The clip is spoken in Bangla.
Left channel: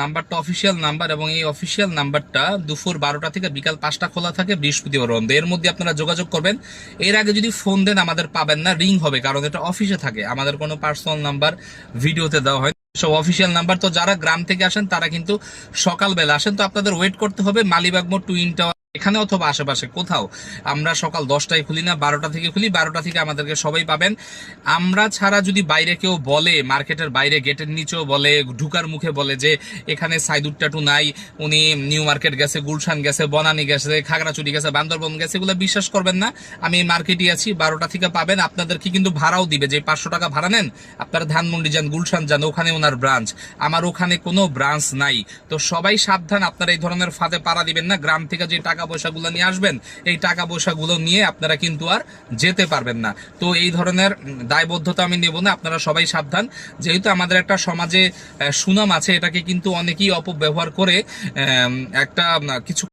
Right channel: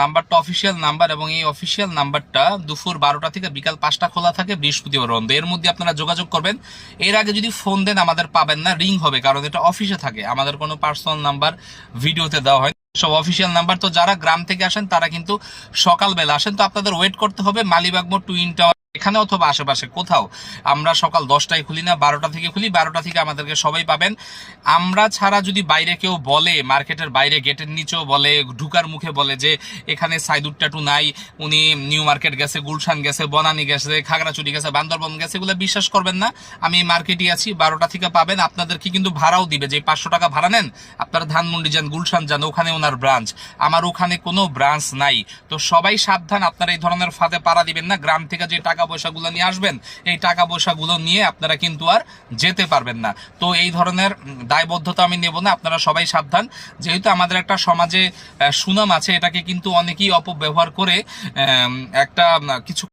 নাম্বারটা অফিসিয়াল নাম্বার, এবং এই অফিসিয়াল নাম্বারটা দুপুর 12টা থেকে বিকাল 5টা খোলা থাকে, বৃহস্পতিবার বন্ধ। এর মধ্যে আপনারা যোগাযোগ করবেন। এর আগে যদি ফোন দেন আমাদের পাবেন না, রিং হবে, কারণ এটা অফিসে থাকে। আমাদের কোনো পার্সোনাল নাম্বার ভিডিওতে দেওয়া হয় সব অফিসিয়াল নাম্বার। তো যারা গ্রাম থেকে আসেন তারা কিন্তু সকালবেলা আসেন, তো আপনাদের ওয়েট করতে হবে মালিবাগ মোড় টুইন টাওয়ার এখানে অথবা আশেপাশে কোথাও। আমরা সকাল 10টায় খুলি না, 12টা থেকে খুলি। 12টা থেকে আমাদেরকে সবাই পাবেন। আমরা ছাড়া যদি বাইরে কেউ বলে, মার্কেটের বাইরে গেটের নিচেও বলে, ঢুকার মুখে বলে যে এখানে সাইদুর ট্যাটু নাই, উনি নিউ মার্কেট গেছে, গুলশান গেছে, বনানী গেছে, খাগড়াছড়ি গেছে, বান্দরবন গেছে, এগুলো বিশ্বাস করবেন না। আমি এই মার্কেটই আছি, 12টা থেকে পাবেন। আপনাদেরকে কিন্তু ভাড়াও দিবে, যে 500 টাকা ভাড়া নেন, আপনারা ধানমন্ডি যান, গুলশান যান, ওখানে ওনার ব্রাঞ্চ। আমার ওখানে কোনো ব্রাঞ্চ নাই। তো সবাই সাবধান, আপনারা এই ধরনের ফাঁদে পাড়া দিবেন না। গ্রাম থেকে যে টাকা পয়সাগুলো নিয়ে আসবেন, এই টাকা পয়সাগুলো নিয়ে আপনারা কিন্তু আর যেতে পারবেন না। তো এই ধরনের দায়বদ্ধতা আমি নেব না, আপনারা সবাই সাবধান। যেহেতু আমাদের একটা সমাজে সুনাম আছে, এটাকে কিন্তু অনেকেই অপব্যবহার করে একটা কিছু